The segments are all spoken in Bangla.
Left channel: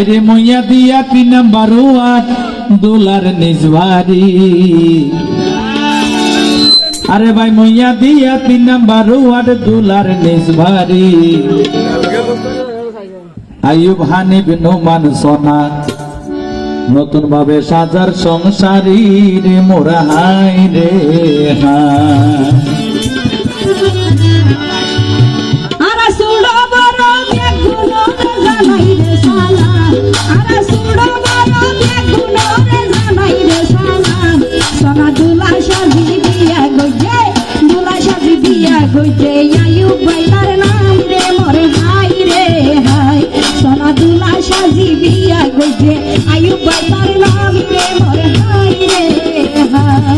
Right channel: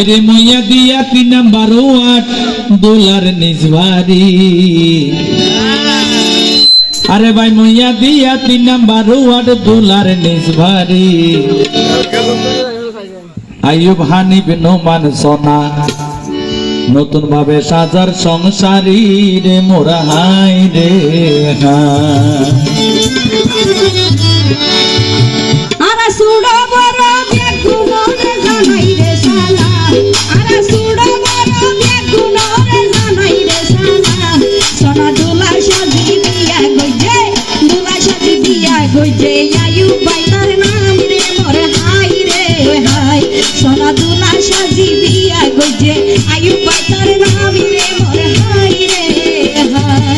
আরে মইয়া দিয়া 3 নাম্বার ওয়ার্ড দোলার নিজবাড়ি আরে ভাই মইয়া দিয়া 3 নাম্বার ওয়ার্ড দোলার নিজবাড়ি আইয়ুব হানিফ নোমান সোনা নতুন ভাবে সাজার সংসারী রে মোরা হাই রে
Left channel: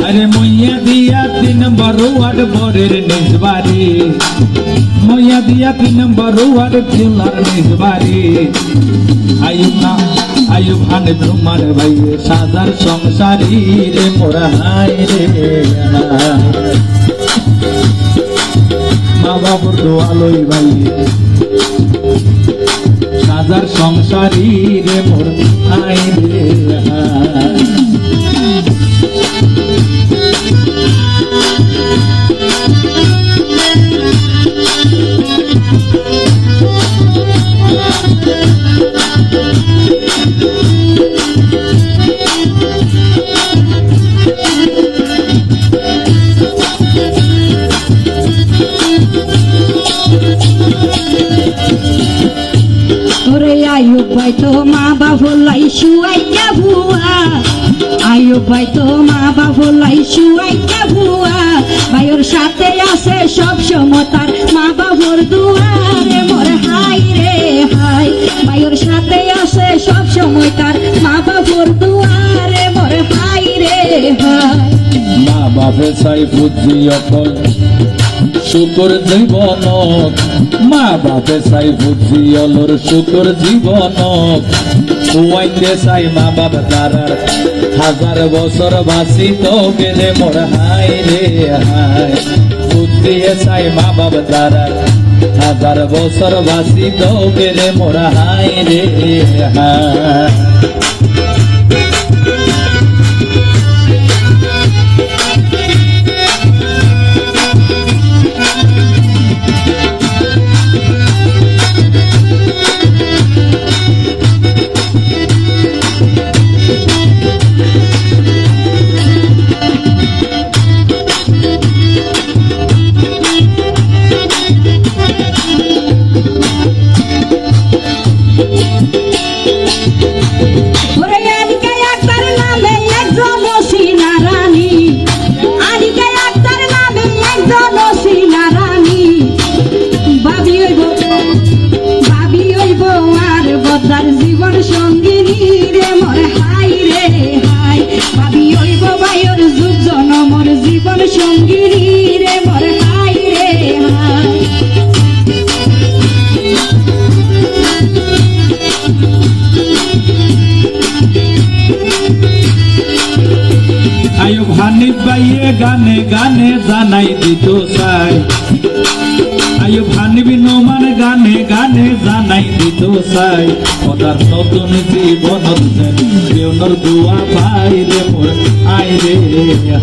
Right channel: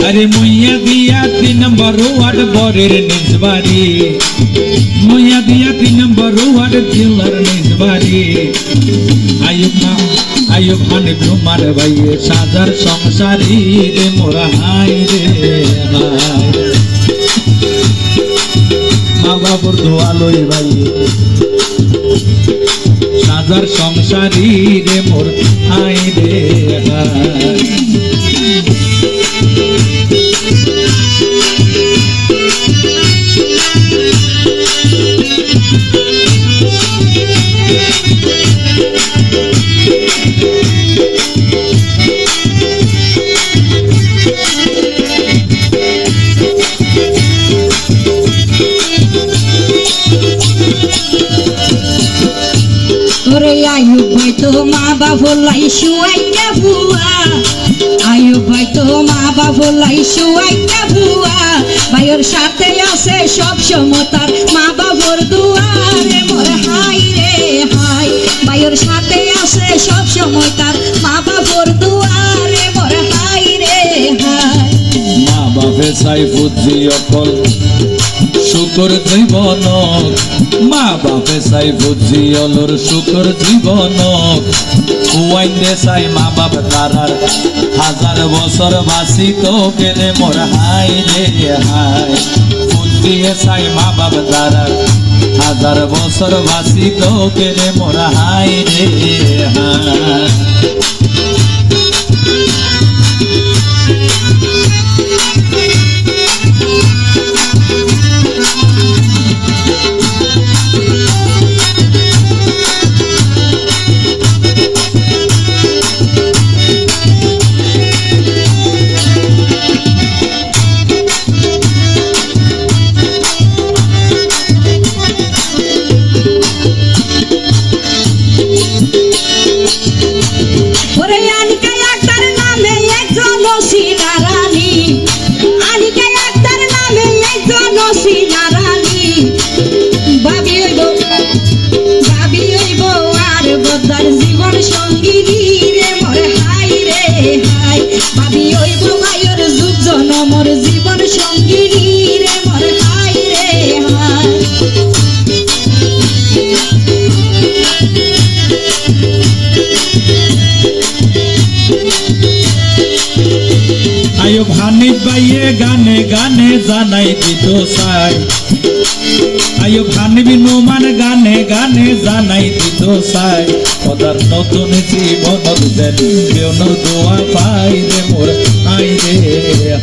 আরে মইয়া দিয়া 3 নাম্বার ওয়ার্ড বরের নিজবাড়ি মইয়া দিয়া 3 নাম্বার ওয়ার্ড দোলার নিজবাড়ি আইয়ুব হানিফ নোমান ভাই সাজার সংসারী রে মোরা হাই রে মা বাবুর দোয়া লই ভাই সাজার সংসারী রে মোর হাই রে আইয়ুব ভাই তো মা বাবু লাই শুয়াইয়া ভুয়া আইয়ুব ভাই তো মা বাবু লাই শুয়াইয়া ভুয়া ভাইয়ের সাথে আছে সব সময় তার মা বাবুর দুয়ারে মোর হাই রে হাই ভাইয়ের সাথে আছে সব সময় তার মা বাবুর দুয়ারে মোর হাই রে হাই মা বাপে চাই বুদ্ধি অকল শুকর জীবন মা বাপে চাই বুদ্ধি অলর শুকর জীবন কুয়াইতে চাই মা বাপ তারার 1000 বছর বাঁচি তো গেলে মোর হাই রে হাই বুদ্ধি চাই মা বাপ তারার 1000 বছর বাঁচি তো গেলে মোর হাই রে হাই জীবন সঙ্গিনী রে মোর হাই রে হাই ভাবি হইব ভাইয়ের যুগ জনমর জীবন সঙ্গিনী রে মোর হাই রে হাই আইয়ুব হানিফ ভাইয়ে গানে গানে জানাই দিত চাই আইয়ুব হানিফ নোমান গানে গানে জানাই দিত চাই ওদার নতুন জীবনত যেন বেউনর দোয়া পাই রে মোর হাই রে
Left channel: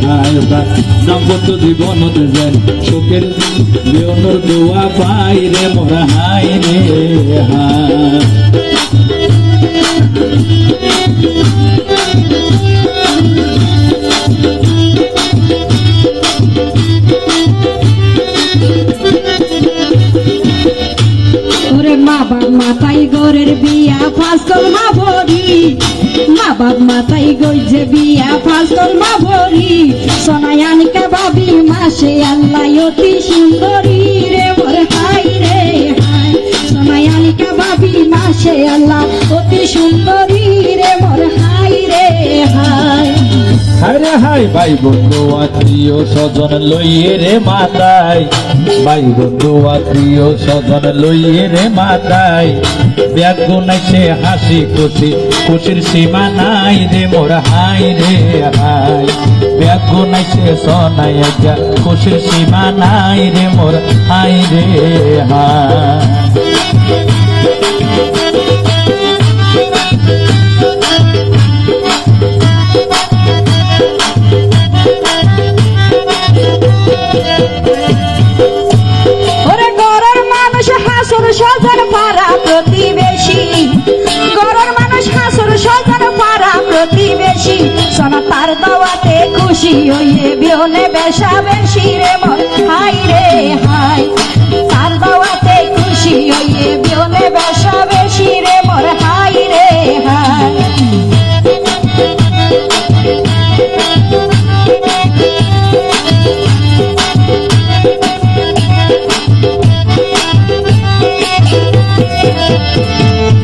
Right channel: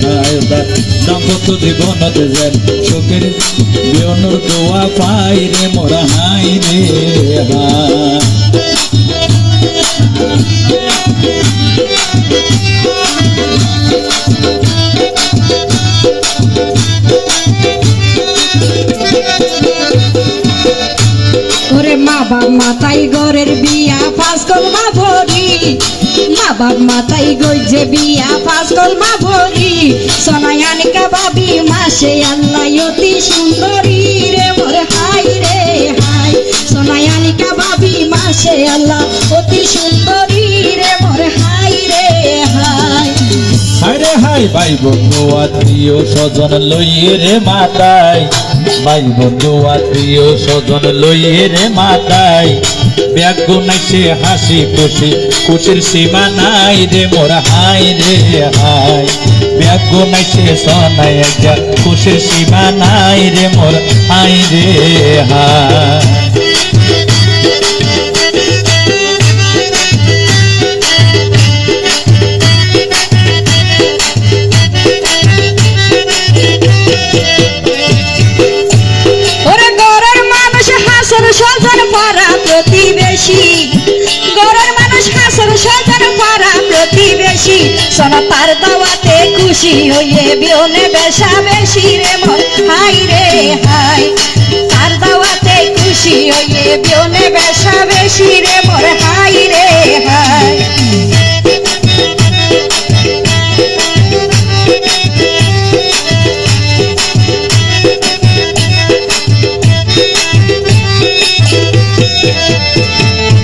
হাই ওদার দাম্পত্য জীবনত যেন সুখের বেউনর দোয়া পাই রে মোর হাই রে হাই মা বাপ মাথায় ঘরের বিয়া ফাঁস করবা ভরি মা বাপ মাথায় গইছে বিয়া ফাঁস করবা ভরি সোনায়ানিকা ভাবি মাসে আল্লাহ অতি সুন্দরী রে মোর হাই রে হাই সোনায়ানিকা ভাবি মাসে আল্লাহ অতি সুন্দরী রে মোর হাই রে হাই হাই রে হাই ভাই বন্ধু আত্মীয় স্বজন লইয়ে রে মাতাই ভাই বন্ধু আত্মীয় স্বজন লইয়ে রে মাতাই ব্যাগ নাইছে হাসি খুশি খুশির সীমা নাই রে মোর হাই রে হাই ব্যাগ নাইছে সোনাই একটা খুশির সীমা নাই রে মোর হাই রে হাই স্বজন পাড়া প্রতিবেশী, ঘরের মানুষ হাসর স্বজন পাড়া প্রতিবেশী, সোনা তার দাওয়াতে খুশি হইয়ে বিহনে বেশা বেশি রে মোর হাই রে হাই, তার দাওয়াতে খুশি হইয়ে বিহনে বেশা বেশি রে মোর হাই রে হাই।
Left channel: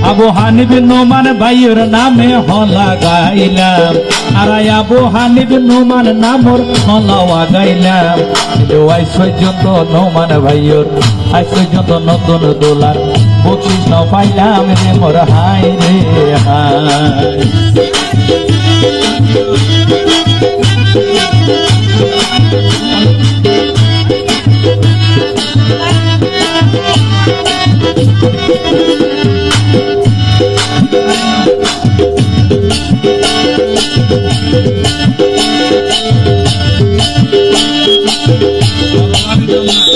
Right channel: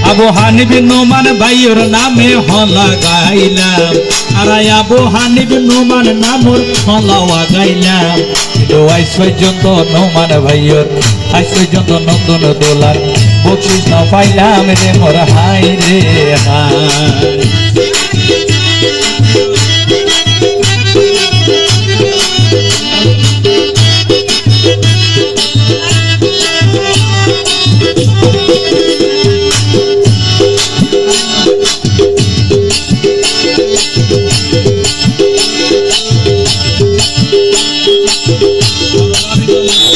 আবু হানিফ নোমান ভাইয়ের নামে হলা গাইলাম, আর আবু হানিফ নোমান নামর হলা গাইলাম। কিন্তু আজ পর্যন্ত নোমান ভাইয়ের আজ পর্যন্ত নতুন দোলার বকশিস না পাইলাম রে মোর হাই রে হাই।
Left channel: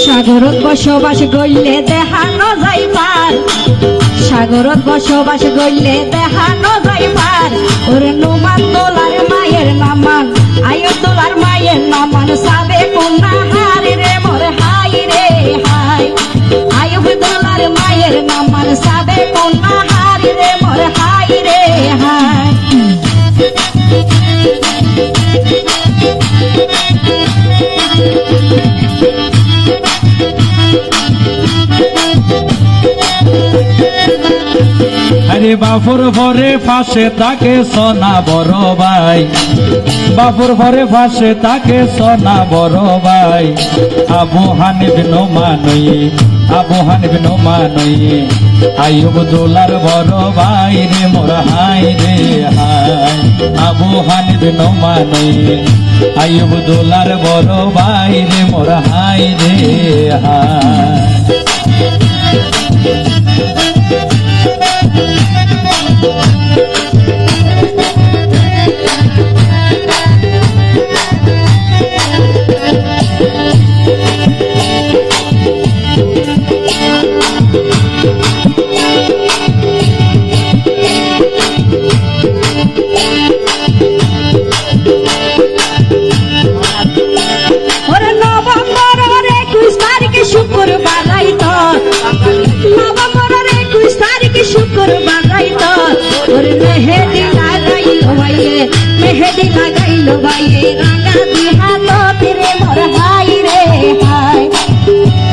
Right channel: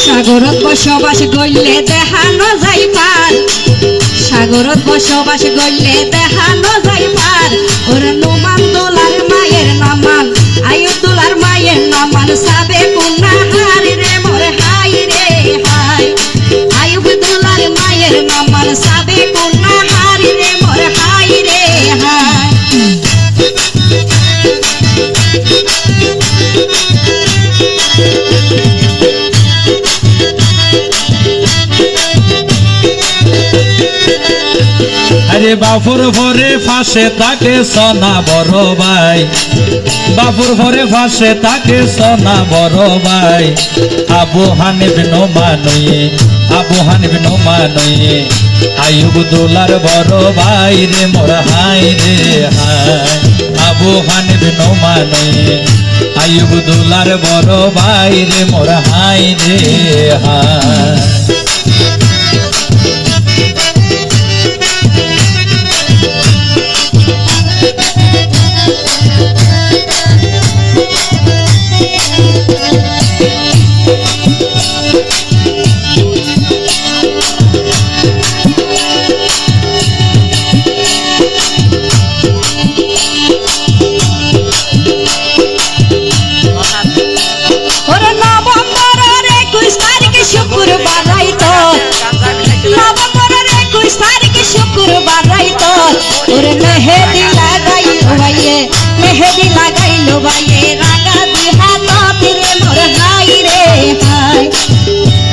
সাগরত বসবাস গইলে দেখানো যাই পার, সাগরত বসবাস গইলে দেখানো যাই পার, ওর নোমান দোলার মায়ের নামান, আয়ো দোলার মায়ের নামান, সাবে কন্যা হার রে মোর হাই রে হাই, আয়ো দোলার মায়ের নামান, সাবে কন্যা হার রে মোর হাই রে হাই। আরে বাপুর ঘরে ফাঁসে তাকে সোনা বড় ভাই, বাপুর ঘরে ফাঁসে তাকে সোনা বড় ভাই। আবু হানিফ নোমানুয়ে, আবু হানিফ নোমানুয়ে, আইয়ুব দোলার বড় ভাই রে মোর হাই রে হাই। আবু হানিফ নোমানুয়ে, আইয়ুব দোলার বড় ভাই রে মোর হাই রে হাই।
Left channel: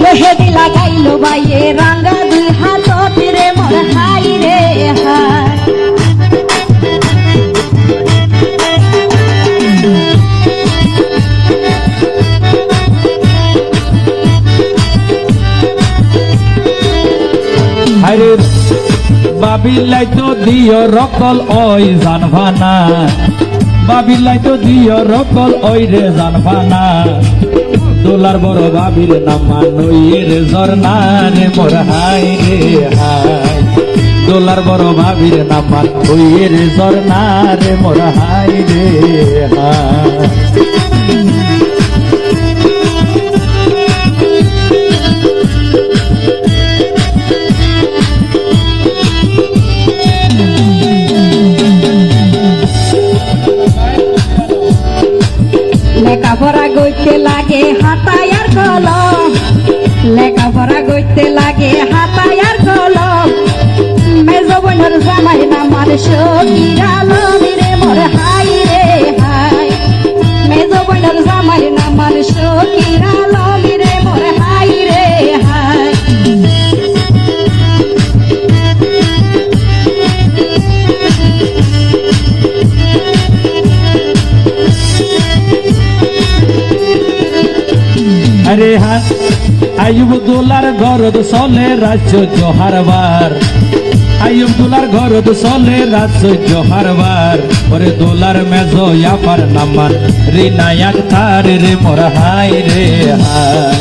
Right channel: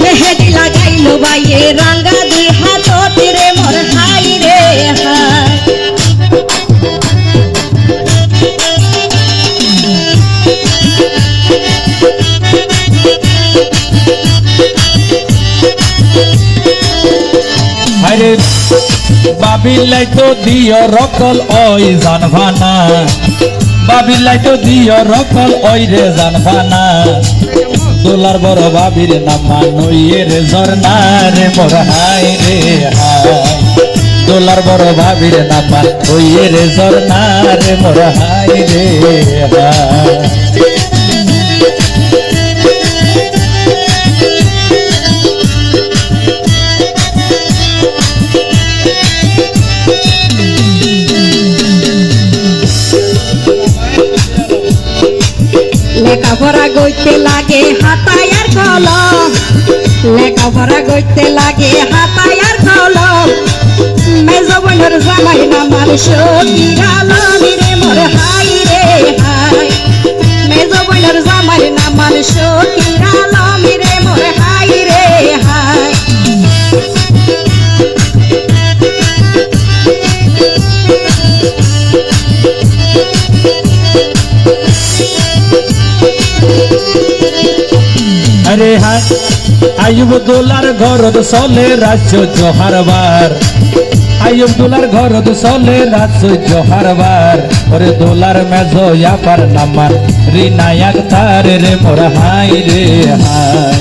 মেহেদি লাগাইলো বাইয়ে রাঙ্গা দুই হাত রে মোর হাই রে হাই। বাবিলাই তো দিও রকল ওই জানবানা, বাবিলাই তো দিও রকল ওই রে জানবানা। দোলার বড় বাবির নাম মানুয়ের ঝর্ণা রে মোর হাই রে হাই। দোলার বড় বাবির নাম মানুয়ের ঝর্ণা রে মোর হাই রে হাই। লেখাপড়া গইতে লাগে হাতায় আর কলম, লেখাপড়া গইতে লাগে হাতায় আর কলম। মেজ বোনের জামাই নামার সখীর আলম রে মোর হাই রে হাই। মেজ বোনের জামাই নামার সখীর আলম রে মোর হাই রে হাই। আরে হ্যাঁ আইয়ুব দোলার ঘরত চলে রাজ্য জহারবার, আইয়ুব দোলার ঘরত চলে রাজ্য জহারবার। ওরে দোলার মেজ ইয়াপার নামান রিনায়াক তার রে মোর হাই রে হাই।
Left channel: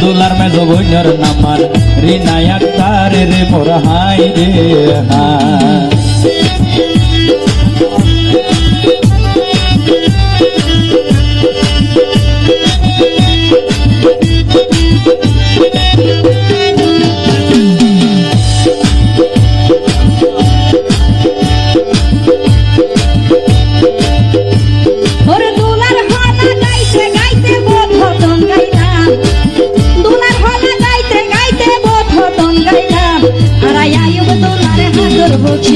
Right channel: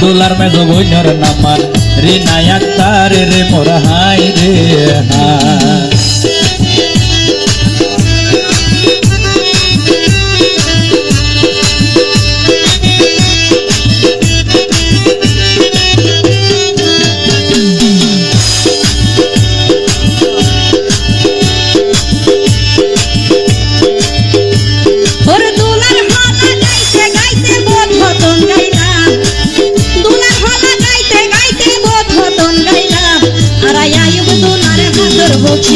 দোলার মেজ বইনর নামান রিনায়াক তার রে মোর হাই রে হাই।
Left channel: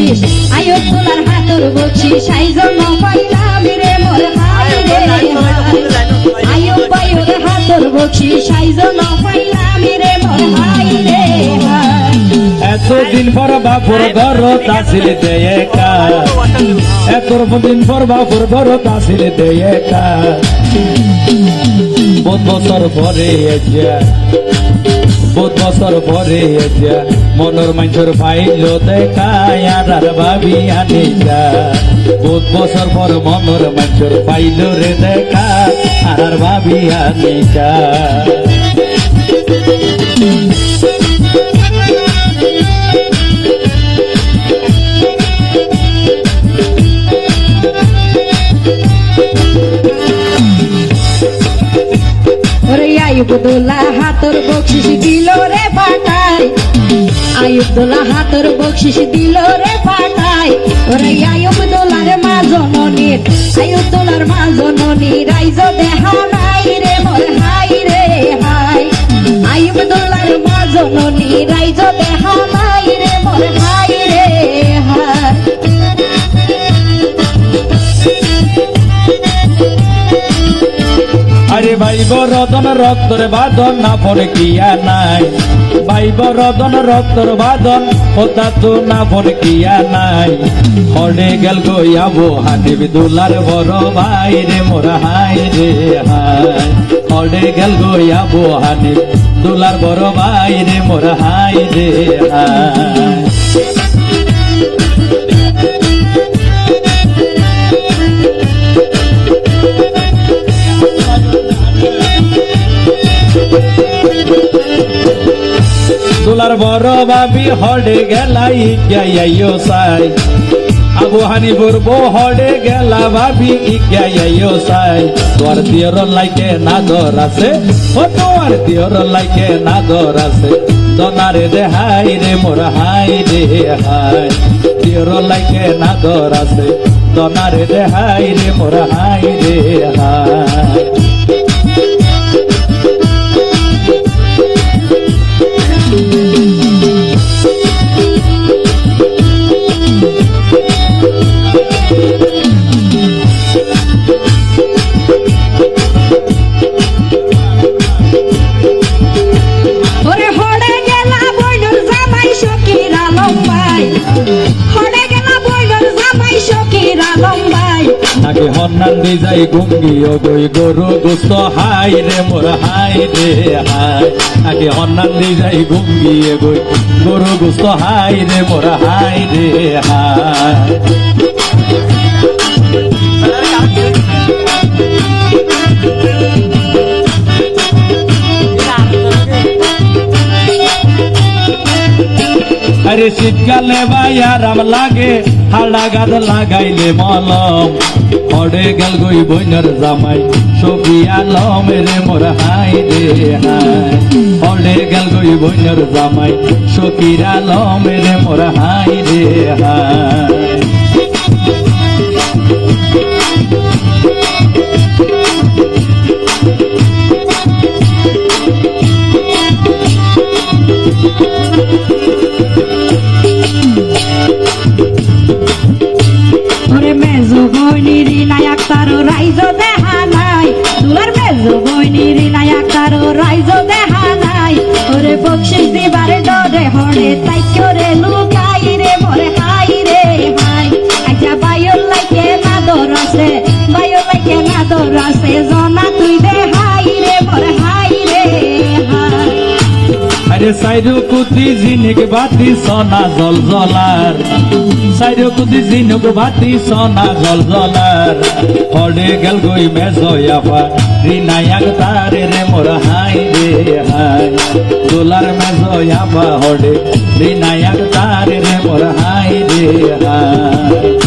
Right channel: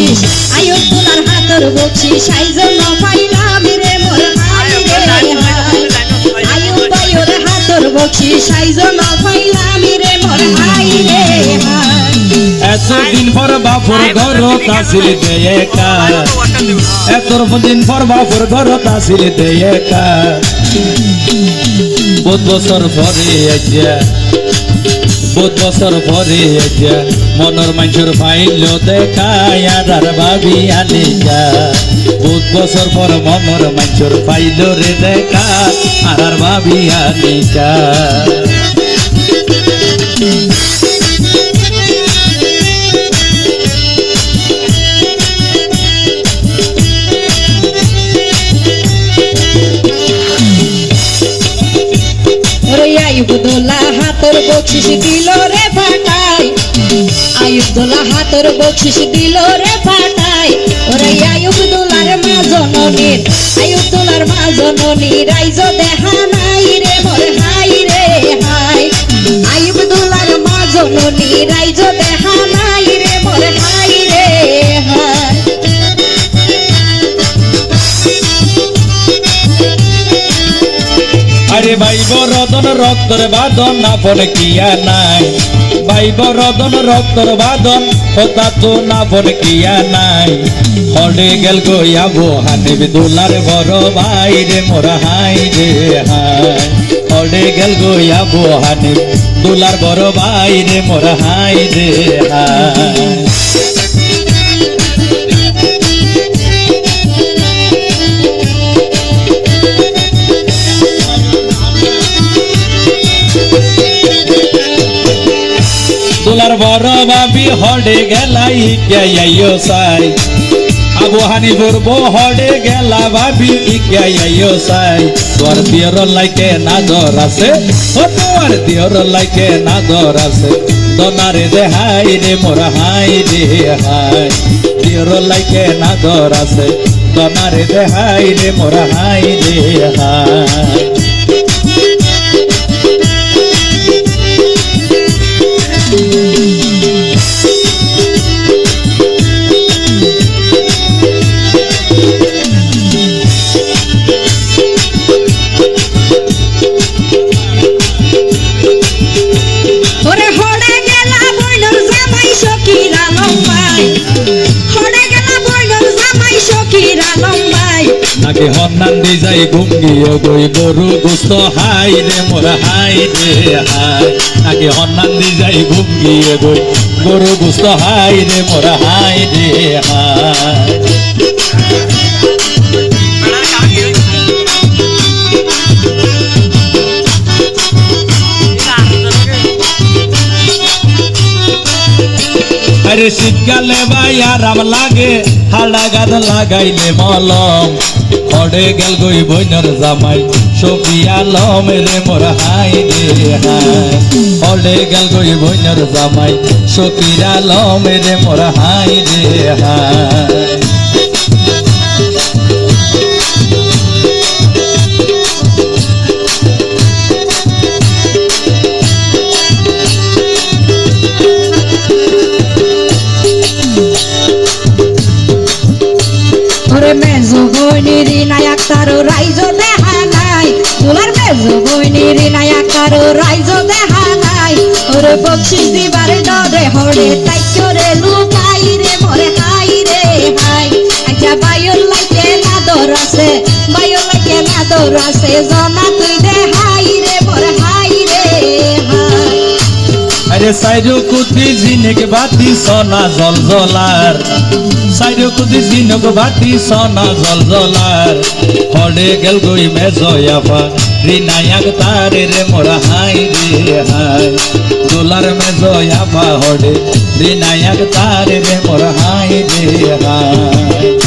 বকশিস আয়ুব দোলার হাতর বকশিস আইজন পাইলাম রে মোর হাই রে হাই আয়ুব ভাইয়ের হাতর বকশিস আইজন পাইলাম রে মোর হাই রে হাই এতদিন পর বাপুর ঘর তাসিল দেয় কা এতদিন পর বাপুর ঘর তাসিল দেয় কা বহুত বছর পরে বহুত বছর পরে মনের মানুষের ফাইল দেখায় আর ভাবি আনে যা বহুত বছর পর মনের মানুষের ফাইল রে দেখা আর ভাবি আনে যা আয়ুব দোলা হাতর বকশিস দিল রে ফাটাই আয়ুব দোলা হাতর বকশিস দিল রে ফাটাই ওরে আয়ুব দোলার মা জননীর আয়ুব দোলার মা জননীর রাইজ দেখা নাই রে মোর হাই রে হাই আয়ুব দোলার মা জননীর রাইজ দেখা নাই রে মোর হাই রে হাই আরে ভাই বরদন রক্তর বাদন না ফোনে কিয়া নাই ভাই বরদন রক্তর বাদন কথা তো না ফোনে কিয়া নাই হলে গেল গইয়াবো হানিব দুলার বড় ভাই রে মোর হাই রে হাই হলে গেল গইয়াবো হানিব দুলার বড় ভাই রে মোর হাই রে হাই দুলার বড় ভাবি হডে গেলাই ইজ্ঞাইও সাই আবু হানি দুর্ব হডে গেলা ভাবি ইজ্ঞাইও সাই তোর দিয়র লাইকে না দর আছে ও তোর দিয়র লাইকে না দর আছে দনারে দে হাই রে মোর হাই রে হাই দিয়র লাইকে না দর আছে দনারে দে হাই রে মোর হাই রে হাই নাকি হন্নান দি যাই গুঙ্গিও গই গরু গুস্ত হাই রে মোর হাই রে হাই নাকি হন্নান দি যাই গুঙ্গিও গই গরু গুস্ত হাই রে মোর হাই রে হাই আরে শীতকালে ভাই আরাম লাগে হাড়া গাদ লাগাইলে মলম হডে গেল গই বইনার জামাই সফিয়া লম রে মোর হাই রে হাই হডে গেল গই বইনার জামাই সফিরা লম রে মোর হাই রে হাই মেজো বইনির নায়ক তারো রাইজ দেখা নাই তোলার মেজো বইনির নায়ক তারো রাইজ দেখা নাই ওরে বকশিস দিবারে ডরে হরে তাই করে লুকাই রে মোরে হাই রে হাই আচ্ছা বায়ুর লাইকে না দর আছে বায়ুর লাইকে না দর আছে জনা তুই দে হাই রে মোরে হাই রে হাই আরে সাইরু কুতি জিনেক বাতি সোনা জল জলার সাইরু কুতি জিনেক বাতি সোনা জল জলার হডে গেল গই মেজয়াফা রিনায়াক তারে রে মোর হাই রে হাই দুলার মেজয়াফা হডে রিনায়াক তারে রে মোর হাই রে হাই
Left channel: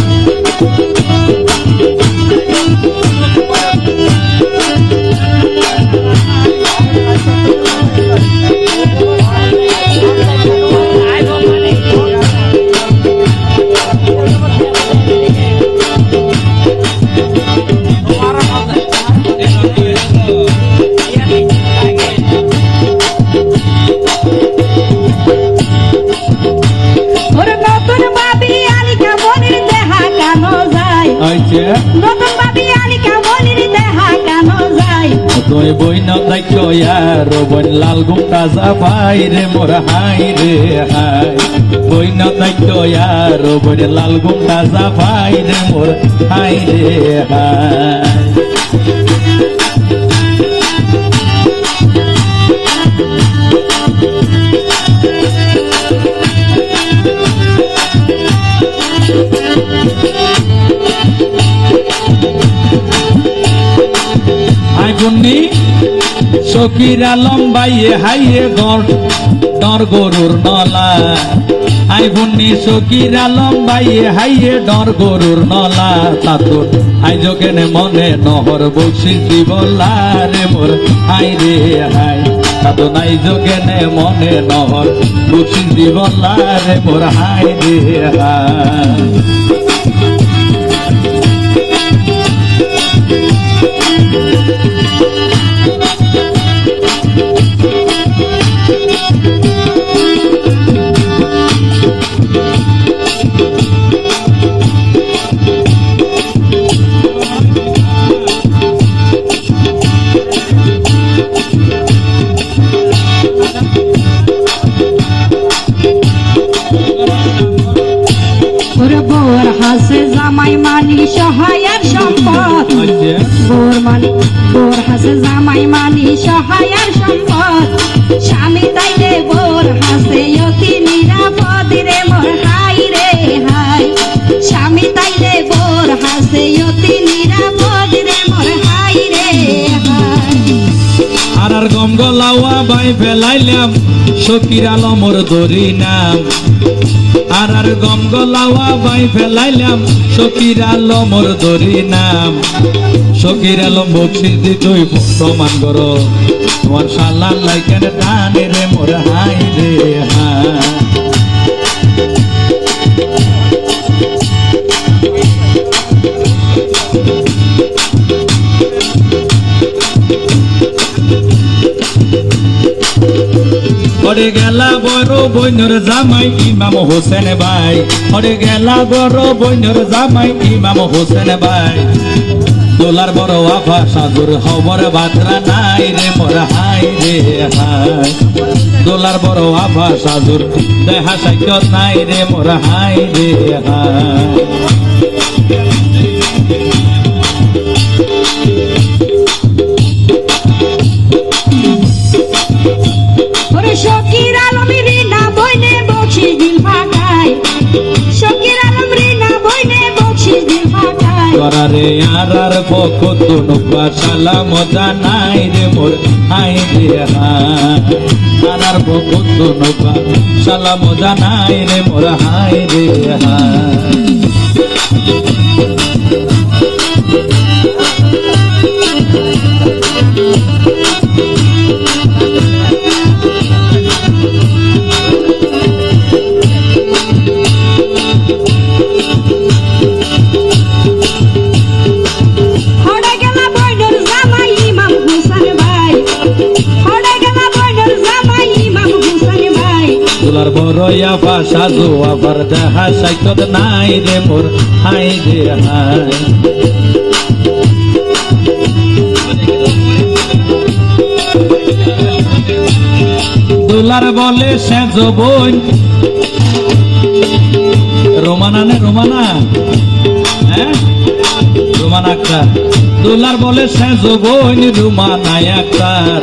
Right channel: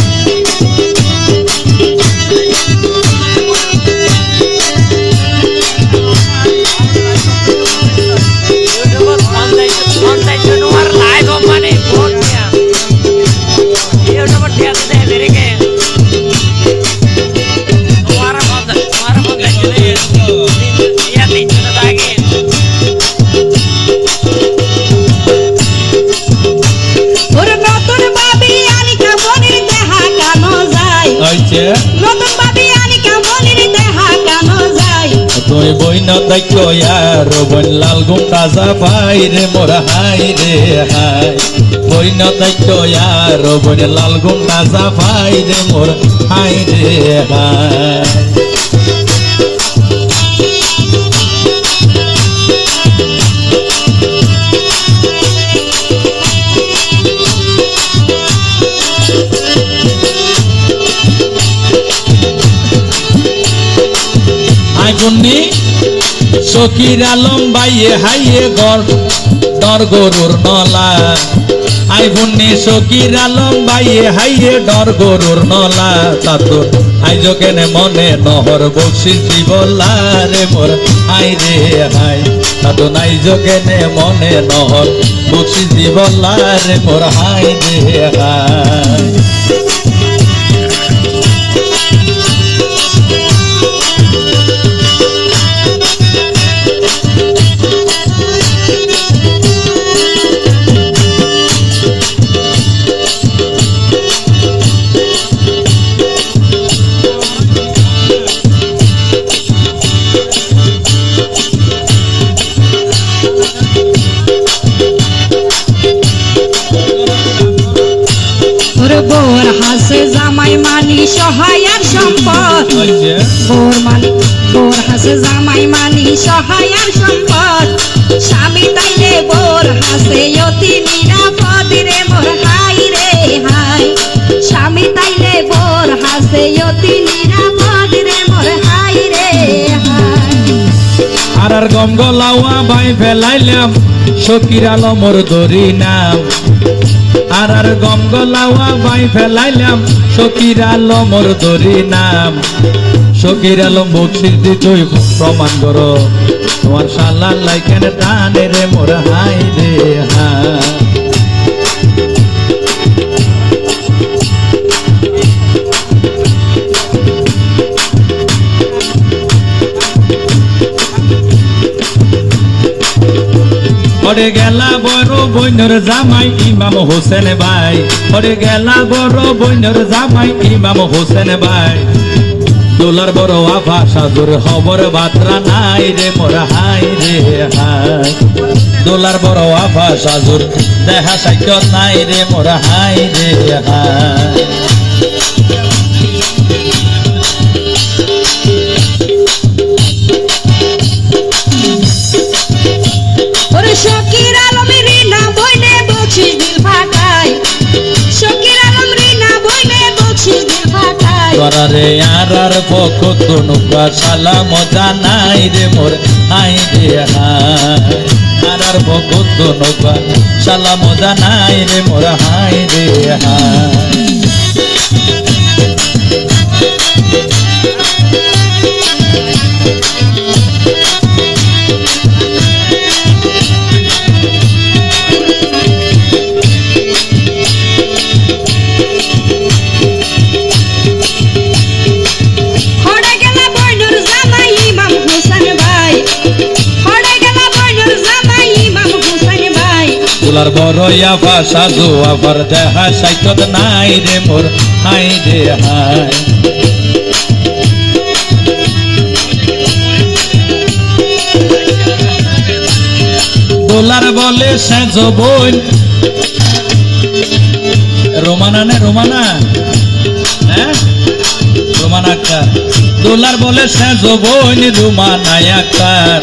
ওরে নতুন ভাবি আনি বইনা দায়িত্ব আর বন লাল গুমটা যা ভাই রে মোর হাই রে হাই বইনা দায়িত্ব আর বন লাল গুমটা যা ভাই রে মোর হাই রে হাই বন্দি সকির আলম বাইয়ে হাইয়ে দর গরুর নলা আই বন্দি সকির আলম বাইয়ে হাইয়ে দর গরুর নলা তাতো আই যোগেনে মনে নহর বকশিস দিবলা রে মোর আই রে হাই তাতো নাই যোগেনে মনে নহর বকশিস দিবলা রে মোর হাই রে হাই বোর হাসে জামাই মানি সহায় আর সম্পদ বোর হাসে জামাই মানি সহায় আর সম্পদ স্বামী তাইলে বোর হাসে অতি নিরাপদ রে মোর হাই রে হাই স্বামী তাইলে বোর হাসে অতি নিরাপদ রে মোর হাই রে হাই আর গঙ্গলাওয়া বাই ফেলাইলাম সকির আলমর ধরি নাম আর গঙ্গলাওয়া বাই ফেলাইলাম সকির আলমর ধরি নাম সকির আলম বকশিস দি তুই প্রমাণ করো তোমার শালার লাইকেন টানে রে মোর হাই রে হাই ওরে গেলা বড় বইনর জামাই ইমাম হোসেন ভাই ওরে গেলা বড় বইনর জামাই ইমাম হোসেন ভাই দোলার বড় আফা সাজুর হবর বাতরা নাই রে মোর হাই রে হাই দোলার বড় আফা সাজুর দেখা সাইকেল নাই রে মোর হাই রে হাই শকির আলম রিনা বইনে বকশিস দিল ফাটাই শকির আলম রিনা বইনে বকশিস দিল ফাটাই রে আর বকত নুকা সালাম জানাই রে মোর হাই রে হাই আর বকত নুকা সালাম জানাই রে মোর হাই রে হাই তোলার বড়য়া ভাষা জো আবার দেখা সাইকত নাই রে মোর হাই রে হাই দোলার বলে সে জবন রোমানা নে রোমানা হ্যাঁ রোমানা আক্তার দোলার বলে সে জবন রোমানা আক্তার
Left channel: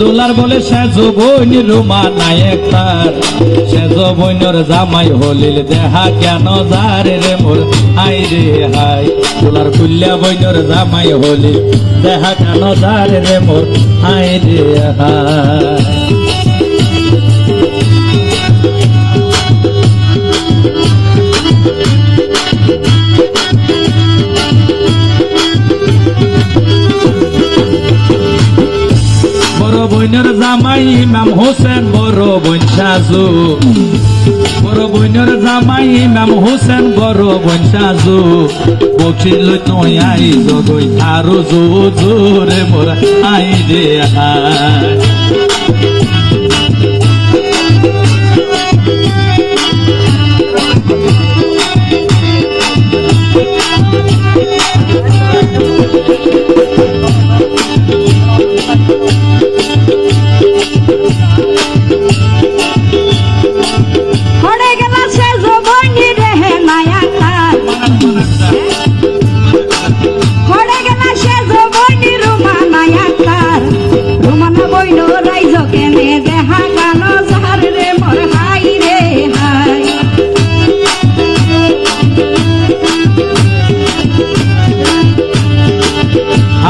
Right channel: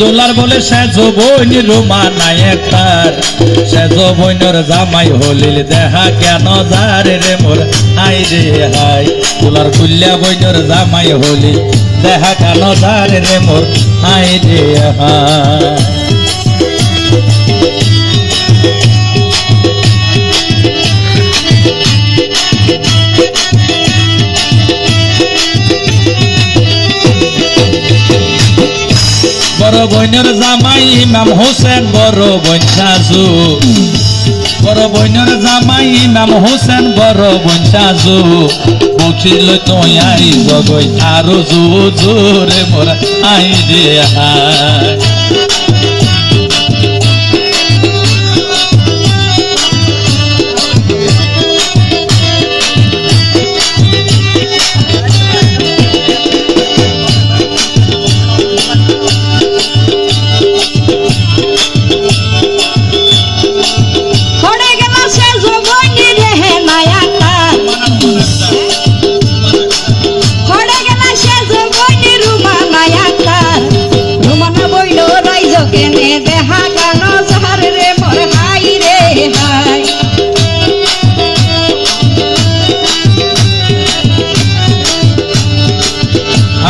দোলার বলে সে জবন রোমানা আক্তার সে জবনর জামাই হলিল দেখা কেন যারে রে মোর হাই রে হাই দোলার কুল্লা বইনর জামাই হলিল দেখা কেন যারে রে মোর হাই রে হাই বড় বইনের জামাই ইমাম হোসেন বড় বইন সাজু বড় বইনের জামাই ইমাম হোসেন বড় বইন সাজু বকিল তুই আই জগই আরো জোর মোর আই রে হাই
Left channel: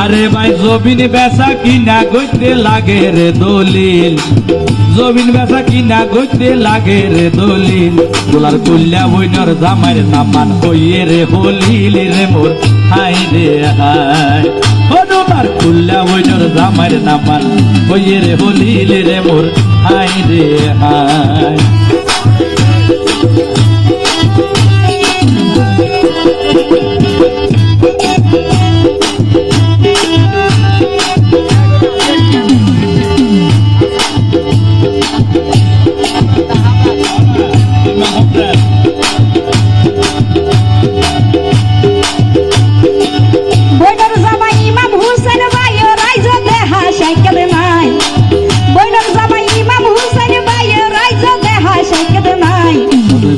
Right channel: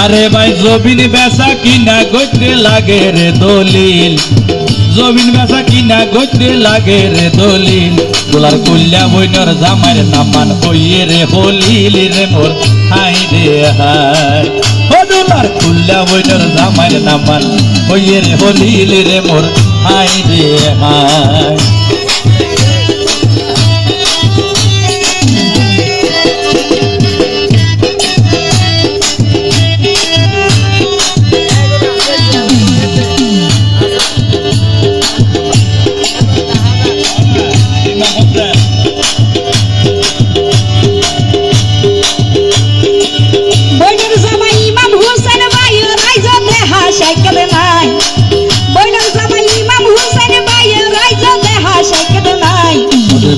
আরে ভাই জমিন বেচা কিনা গইতে লাগে রে দলিল, জমিন বেচা কিনা গইতে লাগে রে দলিল। দোলার কুল্লা বইনর জামার নামান ওই রে হলিল রে মোর হাই রে হাই। ও দোলার কুল্লা বইনর জামার নামান ওই রে হলিল রে মোর হাই রে হাই।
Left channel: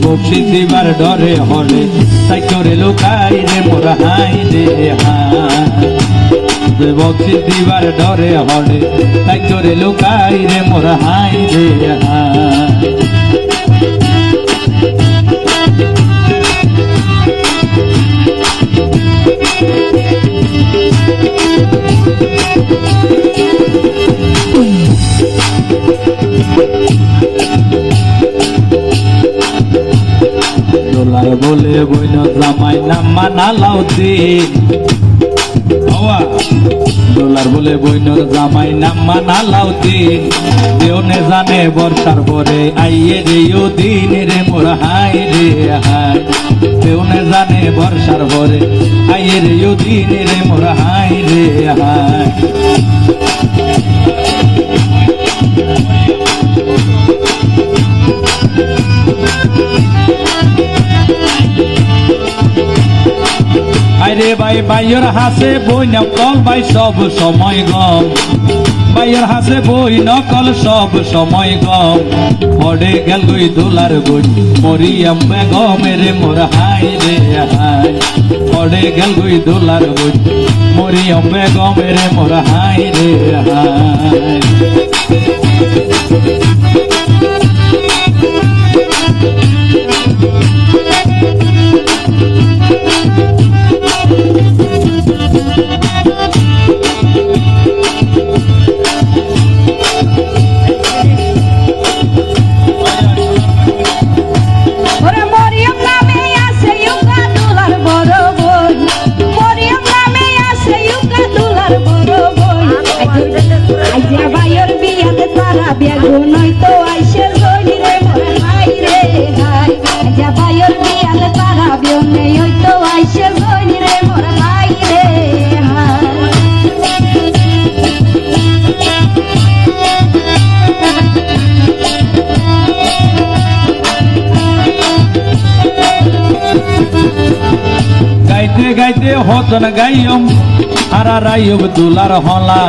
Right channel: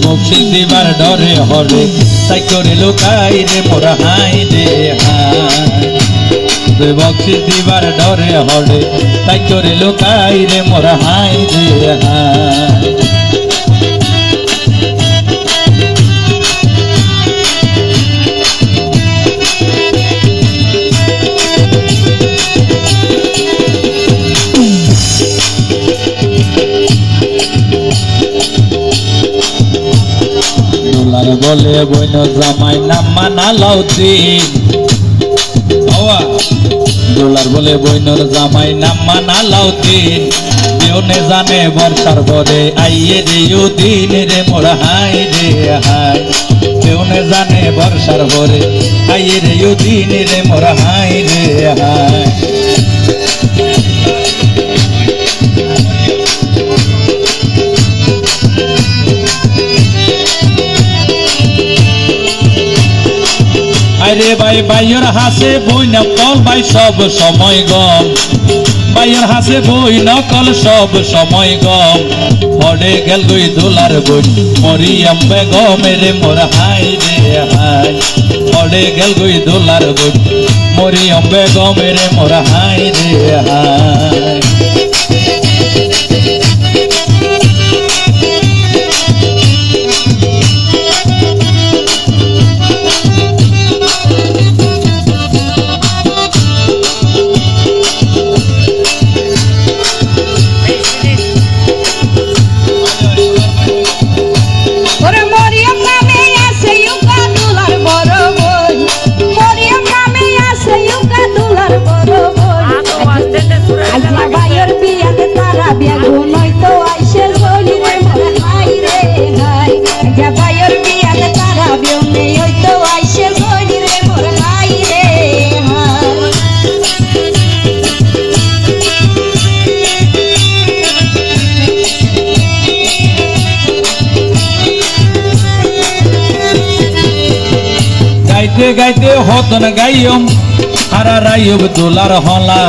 বকশিস দিবার ডরে হলে তাই করে লুকাই রে মোর হাই রে হাই। বকশিস দিবার ডরে হলে তাই করে লুকাই রে মোর হাই রে হাই। দোলার বলে বইন জামাই নাম মানা লাউদ্দিন, দোলার বলে বইনর জামাই নাম মানা লাউদ্দিন। কেউনে জানে বর্ষার পরে আইয়ে রে দিন রে মোর হাই রে হাই। কেউনে জানে বর্ষার পরে আইয়ে রে দিন রে মোর হাই রে হাই। আরে ভাই বাইয়ের হাসে বই নকল ভাই সব সময় গম, বাইয়ের হাসে বই নকল সব সময় গম। পড়ে গেল দুই দোলার বই মরিয়ম বেগম রে মোর হাই রে হাই। পড়ে গেল দুই দোলার বই মরিয়ম বেগম রে মোর হাই রে হাই। গাইতে গাইতে হতন গাইয়ম তারা রাইব দোলার হলা,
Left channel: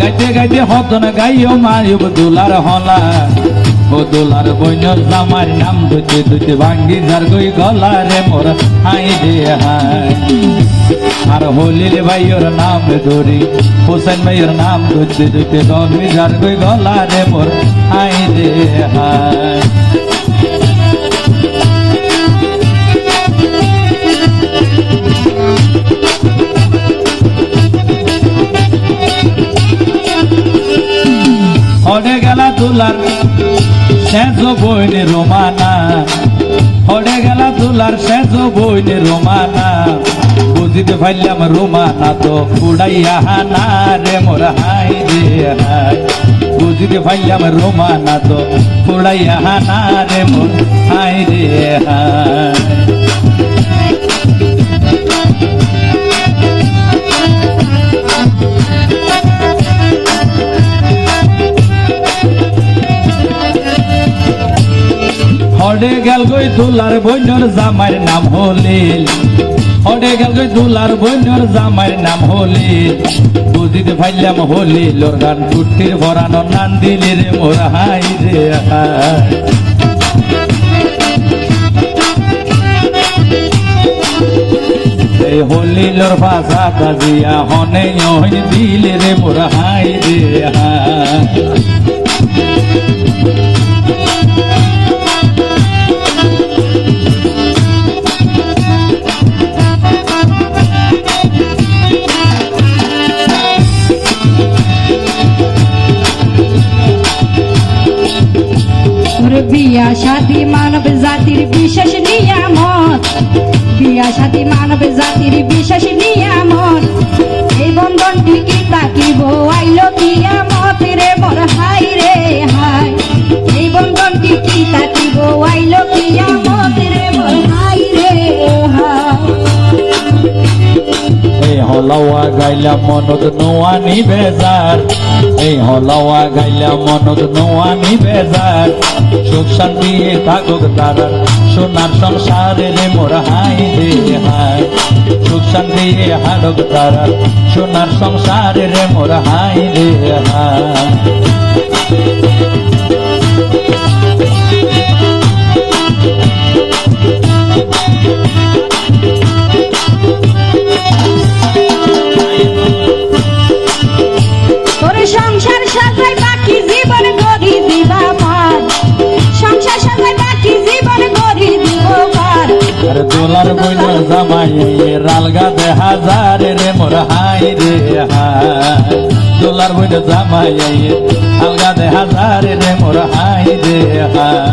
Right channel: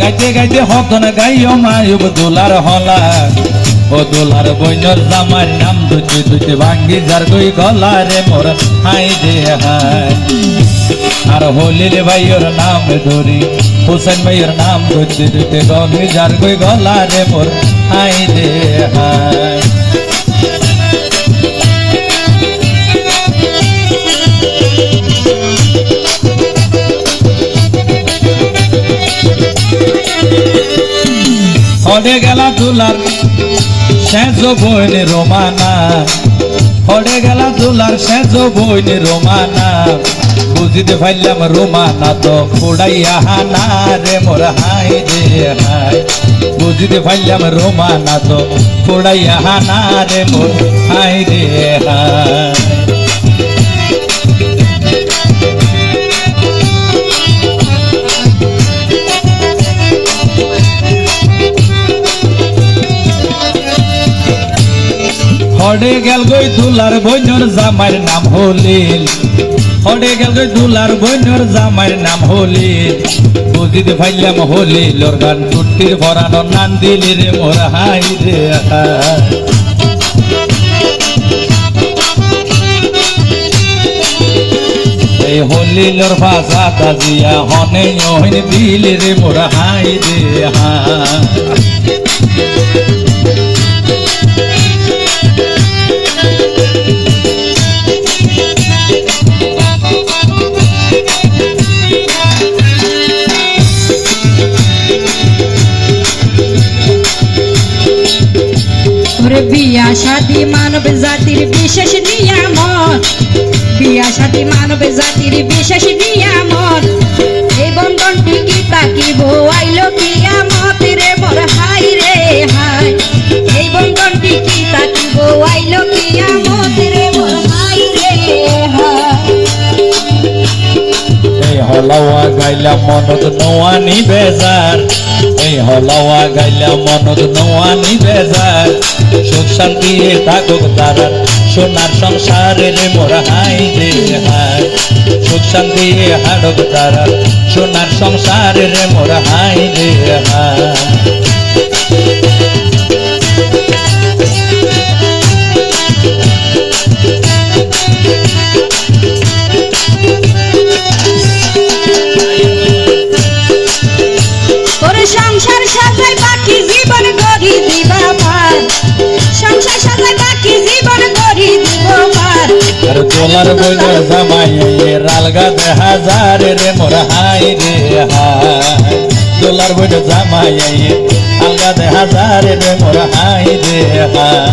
গাইতে গাইতে হতন গাইয়ম আইব দোলার হলা। ও দোলার বইনর জামার নাম দুতে দুতে ভাঙ্গি যার গই গলা রে মোর হাই রে হাই। আর হলির ভাইয়ের নাম ধরি হোসেন ভাইয়ের নাম দুতে দুতে গঙ্গি যার গই গলা রে মোর হাই রে হাই। পড়ে গেলা দুলার শেষ বইনে রোমানা, পড়ে গেলা দুলার শেষ বইনে রোমানা। বুঝিতে পাইলাম রোমানা তো পুড়াইয়া হানা রে মোর হাই রে হাই। বুঝিতে পাইলাম রোমানা তো পুড়াইয়া হানা রে মোর হাই রে হাই। পড়ে গেল গই দুলার বইনর জামাইর নাম হলিল, পড়ে গেল গই দুলার বইনর জামাইর নাম হলিল। বুঝিতে পাইলাম হলিল ওর গান টুটির ভরানো নাম দিলি রে মোর হাই রে হাই। এই হলিলর ভাষা তাজিয়া হনে হইন দিলি রে মোর হাই রে হাই। মানব জাতির বিশেষ নিয়ামত, বিয়া সাথী মানব জাতির বিশেষ নিয়ামত। এই বন্ধনটি কি তাকিব আইল কিয়ামত রে মোর হাই রে হাই। এই বন্ধনটি কি তাকিব আইল কিয়ামত রে মোর হাই রে হাই। এই হলাওয়া গাইলাম মনত নোয়ানি বেজার, এই হলাওয়া গাইলাম মনত নোয়ানি বেজার। সুখ শান্তি থাকুক তারার সোনার সংসারে রে মোর হাই রে হাই। সুখ শান্তি হাডক তারার সোনার সংসারে রে মোর হাই রে হাই। সংসার সাথে বাকি জীবন গড়ি দিবা পার, সংসার সাথে বাকি জীবন গড়ি দিব পার। আর দোলার বইনার জামাই রালগা দেখা যারে রে মোর হাই রে হাই। দোলার বইনার জামাই আলগা দেখা যারে রে মোর হাই রে হাই।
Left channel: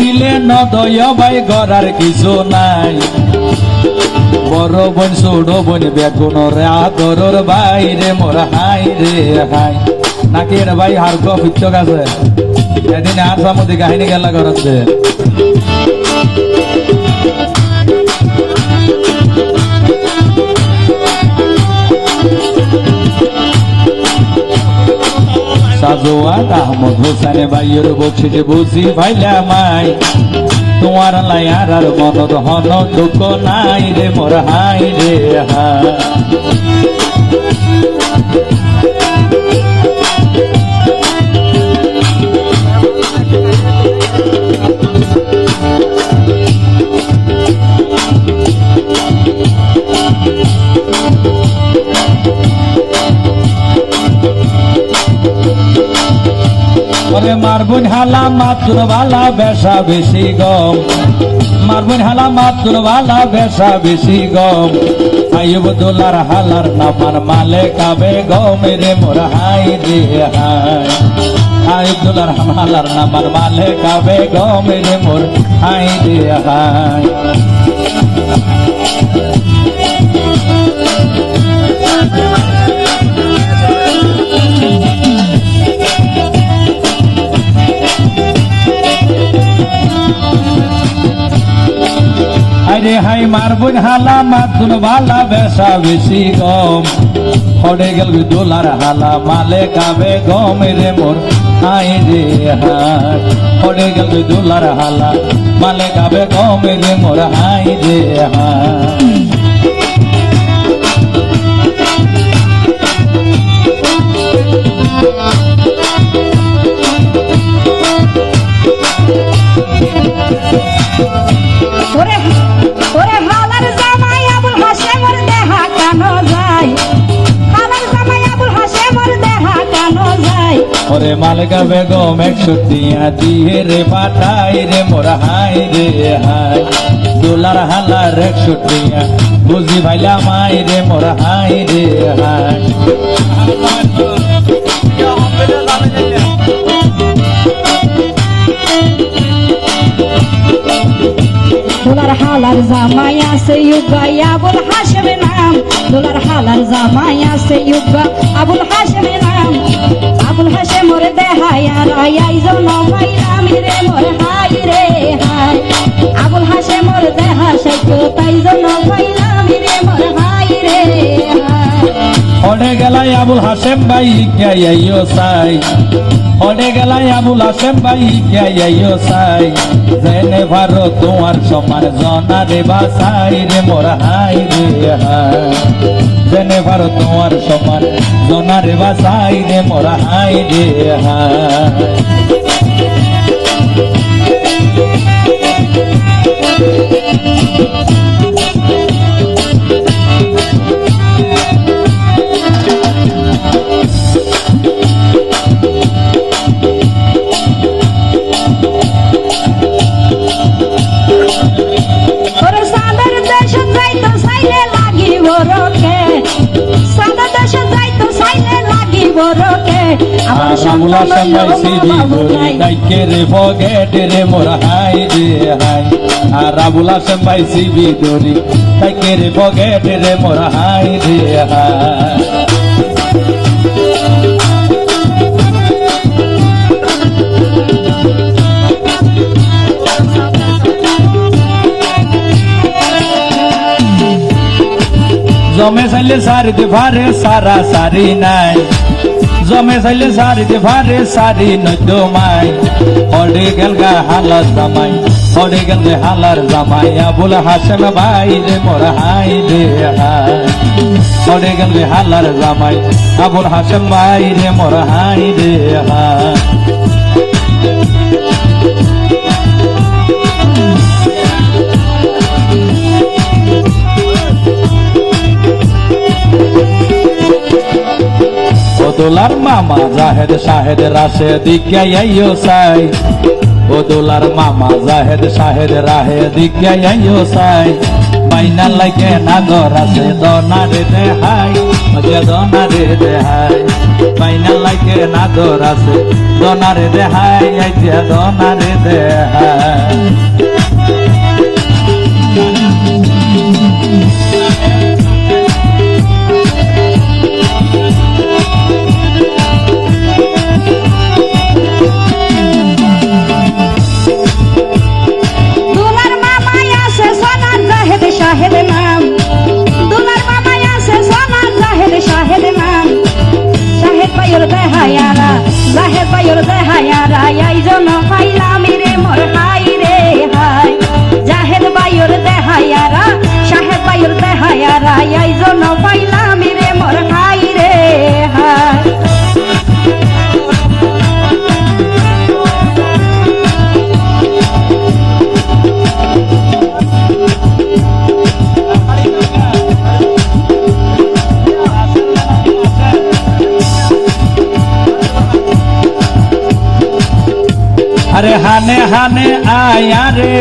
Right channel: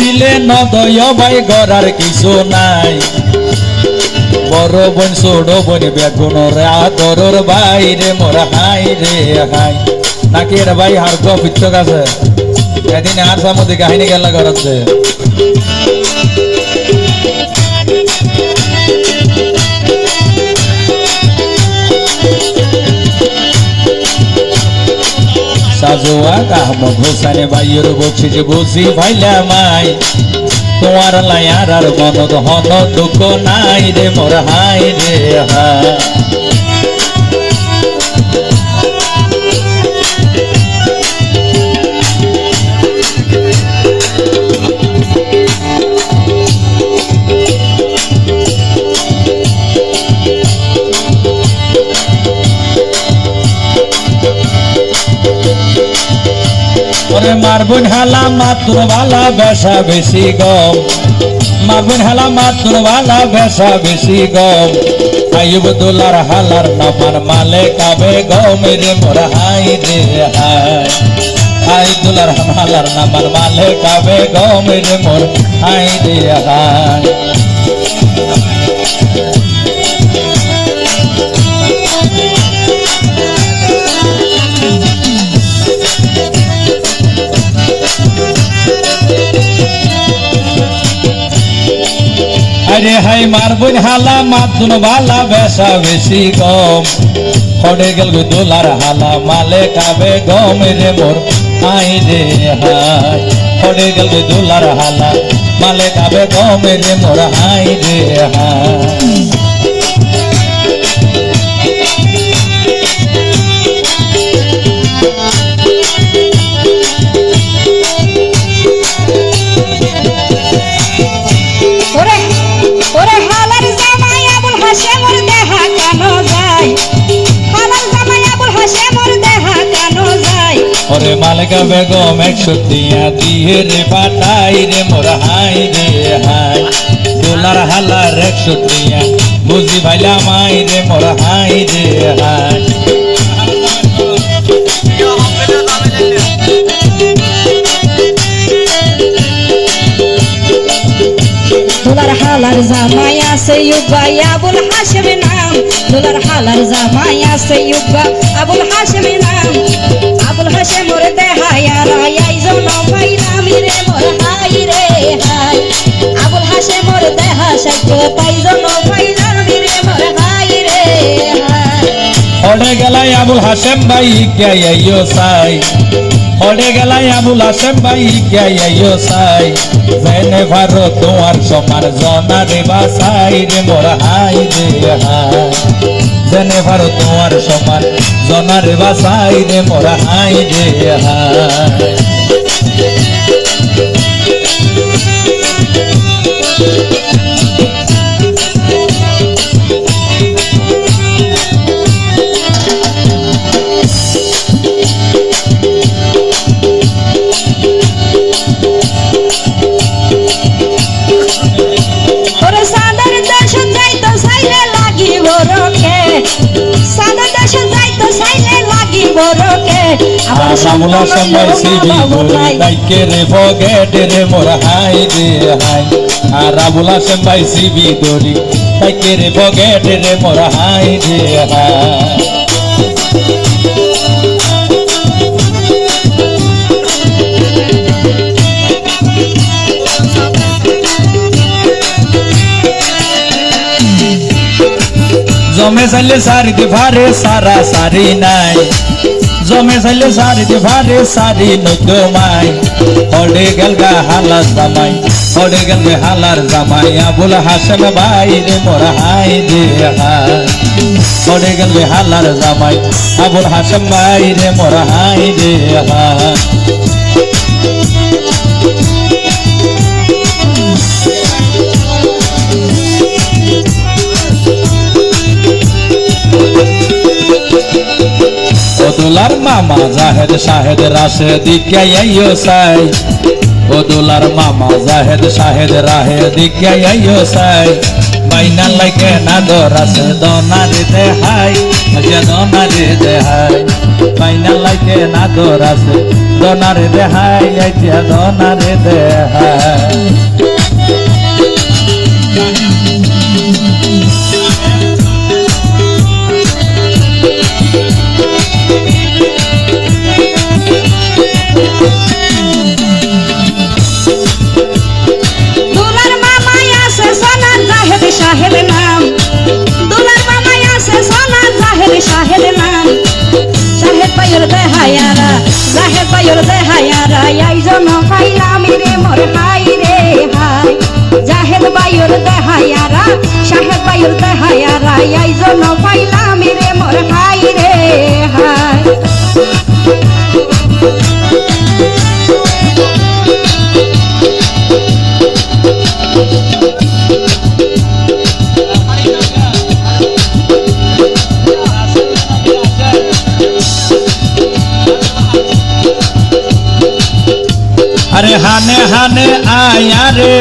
দিলে নদয় ভাই গড়ার কিছু নাই, বড় বোন ছোট বোন বেগুনরে আদরর বাইরে মোর হাই রে হাই। নাকি রে ভাই হার গপিত আছে এদিন আর সামনে কাহিনী গেল করছে। সাজোয়া আহমদ হোসেন ভাইয়ের বকশিস বুঝি ভাইলা মাই। তোমার লায়ার আর মনত হন দুঃখ নাই রে মোর হাই রে হাই। মারবুন হালা মাতুর বালা বেসা বেশি গম, মারবুন হালা মাতুর বালা বেসা বেশি গম। আইব দোলার হালার নামার মালে কাবে গম রে মোর হাই রে হাই। আই দোলার হালার নামার মালে কাবে গম রে মোর হাই রে হাই। আরে হাই মারবুন হালা মাতুন বালা বেসা বেশি গম। হড়ে গেল দোলার হালা মালে কাবে গম রে মোর হাই রে হাই। হড়ে গেল দোলার হালা মালে কাবে গম রে মোর হাই রে হাই। ওরে মালকা বেগম 100 টিয়া দিয়ে রে পাঠাই রে মোর হাই রে হাই। দোলার হালার 100 টিয়া বুঝি ভাইলা মাই রে মোর হাই রে হাই। দোলার হালার জামাই আছে ইউবা আবুল হাশেম নাম। দোলার হালার জামাই আছে ইউবা আবুল হাশেম নাম। আবুল হাশেম মোর দেহায়া রাই জন্ম পাইলাম রে মোর হাই রে হাই। আবুল হাশেম মোর দেহা সাইতো তাই জন্ম পাইলাম রে মোর হাই রে হাই। ওড়ে গেলাই আবুল হাশেম ভাই কে আইও সাই। ওড়ে গেলাই আবুল হাশেম ভাই কে আইও সাই। জেনে ভারো তোমার সমান জনা রে বাসাই রে মোর হাই রে হাই। জেনে ভারো তোমার সমান জনা রে বাসাই রে মোর হাই রে হাই। রামুলা সবাই সিবি ধরি তাইকে রে ফগেটে রে মোর হাই রে হাই আর রামুলা সবাই সিবি ধরি তাইকে রে ফগেটে রে মোর হাই রে হাই জমে চাইলে সারিতে ভারে সারা সারি নাই জমে চাইলে সারিতে ভারে সারি নদ্য মাই হলে গেল গা হালার জামাই হলে গেল গে হালার জামাই আবুল হাসান ভাই রে মোর হাই রে হাই হলে গেল গে হালার জামাই আবুল হাসান ভাই রে মোর হাই রে হাই ওদুলার মামা জাহেদ শাহেদ রাশেদ আইয়ো সাই ওদুলার মামা জাহেদ শাহেদ রাহেদ আইয়ো সাই বাইনা লাগে না দরাসে দনারে দে হাই মজা দনারে দে হাই বাইনা লাগে না দরাসে দনারে দে হাই আইয়া দনারে দে হাই अरे हाने हाने आया रे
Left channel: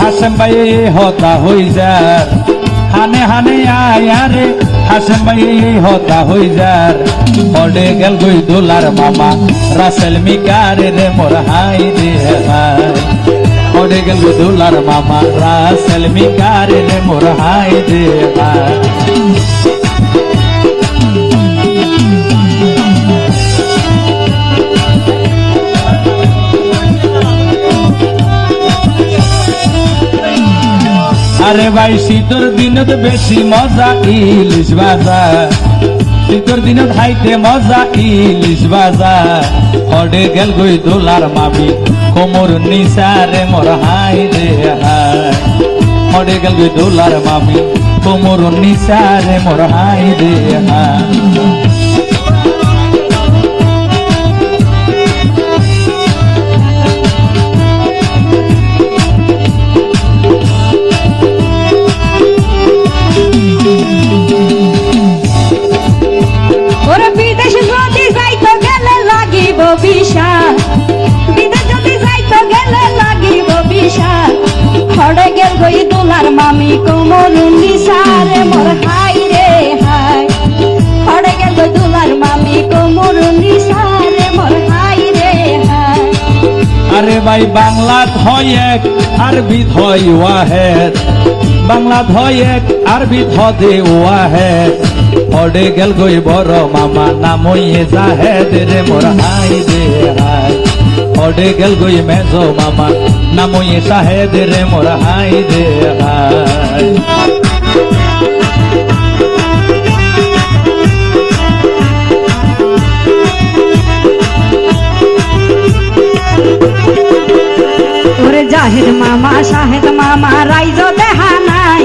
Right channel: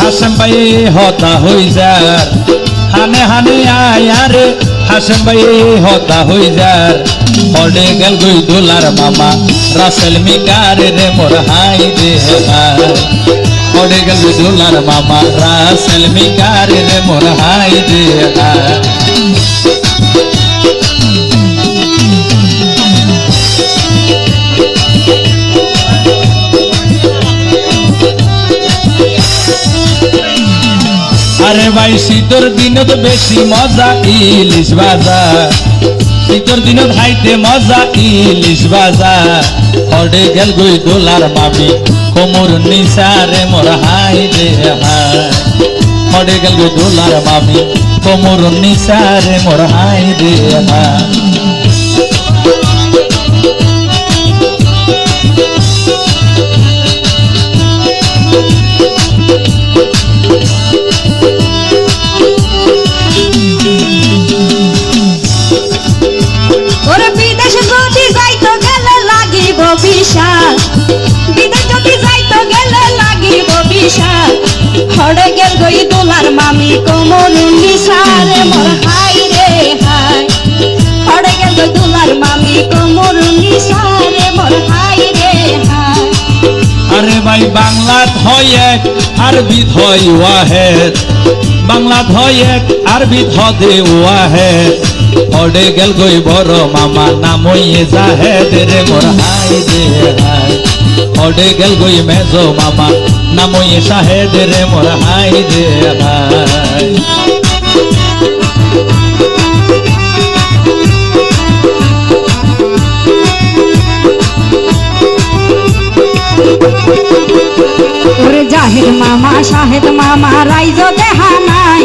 हाशम भाई होता हुई जार हाने हाने आया रे हाशम भाई होता हुई जार ओले गल गुई दुलार मामा रासेल मिकार रे मोर हाई रे हाय ओले गल गुई दुलार मामा रासेल मिकार रे मोर हाई रे हाय अरे भाई শীতের দিনত বেশি মজা ইলিশ ভাজা শীতের দিনত খাইতে মজা ইলিশ ভাজা হড়ে গেল গই দোলার মামি কোমর নিসারে মোর হাই রে হাই হড়ে গেল গই দোলার মামি কোমর নিসারে মোর হাই রে হাই মামি কোমর নিসারে মোর হাই রে হাই হড়ে গেল দুলার মামি কোমর নিসারে মোর হাই রে হাই अरे भाई बांग्ला धोयक अरबी धोयुआ है बांग्ला धोयक अरबी धोदे हुआ है ओडे गल गोई बरो मामा नामोये जाहेद रे मोर हाई रे हाय ओडे गल गोई मेजो मामा नामोये शाहेद रे मोर हाई रे हाय জাহেদ মামা শাহেদ মামা রাইজ দেহা নাই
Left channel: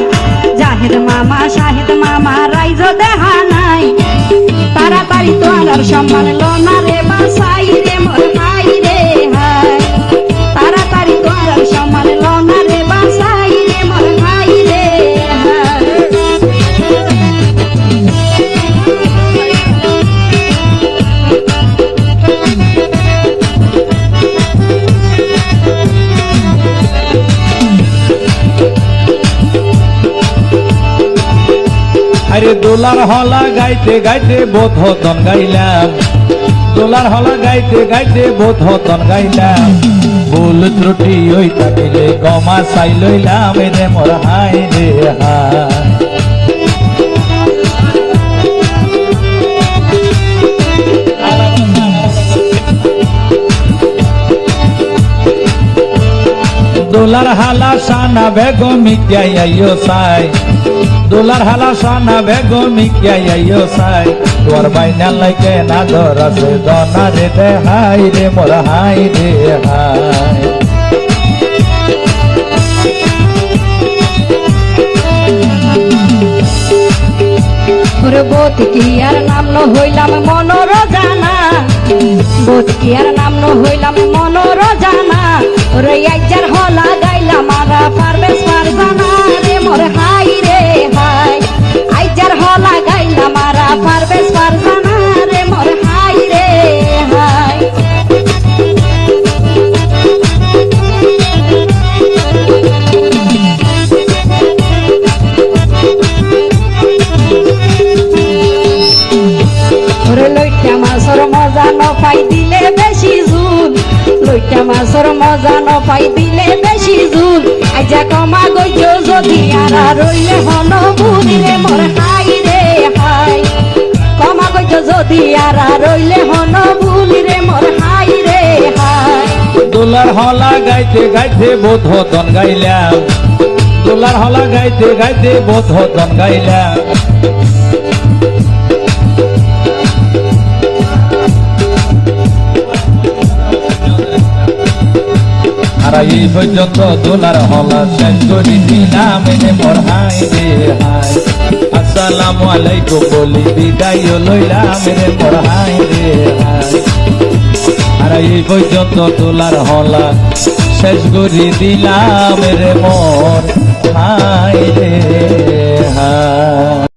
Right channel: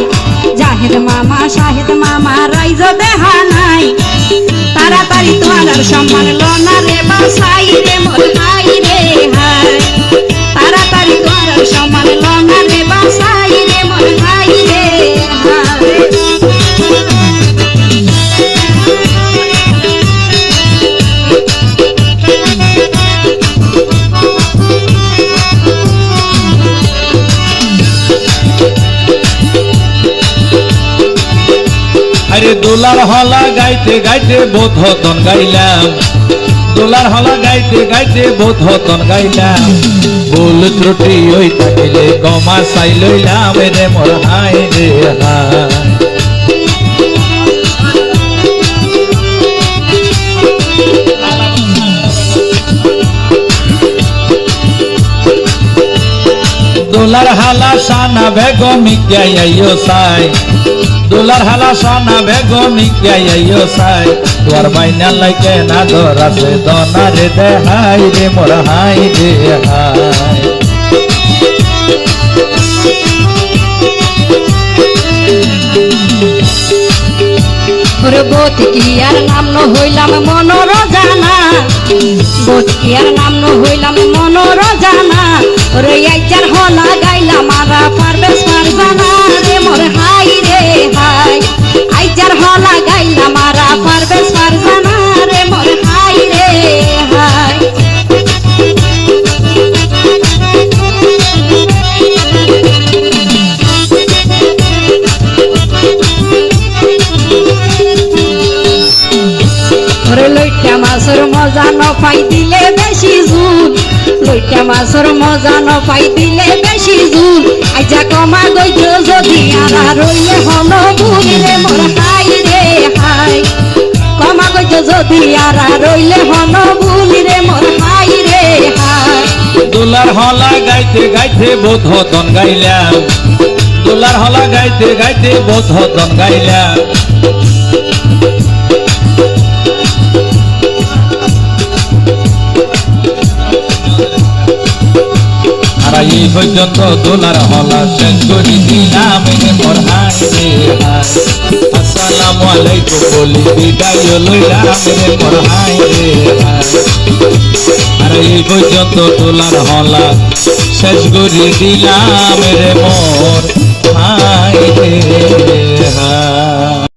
জাহেদ মামা শাহেদ মামা রাইজ দেহা নাই তাড়াতাড়ি তোমার সম্মান লোনা রে বাসাই রে মোর হাই রে হাই তাড়াতাড়ি তোমার সম্মান লোনা রে বাসাই রে মোর হাই রে अरे दुलार हला गाई গাইতে গাইতে বোধন গাইলাম দোলার হলা গাইতে গাইতে বোধন গাইলাম ভুল ত্রুটি ওই থাকিলে গমা চাই লইলাম রে মোর হাই রে হাই দোলার হালা সানা বেগমি গাইও সাই দোলার হালা সানা বেগমি গাইও সাই ওর বাইনা লাগে না ধরাছে দনা রে দেহাই রে মোর হাই রে হাই ওরে বোত কি আর নাম ন হইলাম মনর জানা বোত কি আর নাম ন হইলাম মনর জানা ওরে একজার হলা গাইলাম মারা পারবেশ পার জানা রে মোর হাই রে হাই আইজার হলা গাইলাম মারা পারবেশ পার জানা রে মোর হাই রে হাই ওরে লইটা মাছের মজা ন পাই দিলে বেশি ঝুল লইটা মাছের মজা ন পাই দিলে বেশি ঝুল আইজা কমা গইজ যদি আর রইলে হন ভুল রে মোর হাই রে হাই কমা গইজ যদি আর রইলে হন ভুল রে মোর হাই রে হাই দোলার হলা গাইতে গাইতে বোধন গাইলাম দোলার হলা গাইতে গাইতে বোধন গাইলাম এই পর্যন্ত দোলার হলা শেষ করে দিলাম রে মোর হাই রে হাই আসসালামু আলাইকুম বলি বিদায় লইলাম রে মোর হাই রে হাই আর এই পর্যন্ত দোলার হলা শেষ করে দিলাম রে মোর হাই রে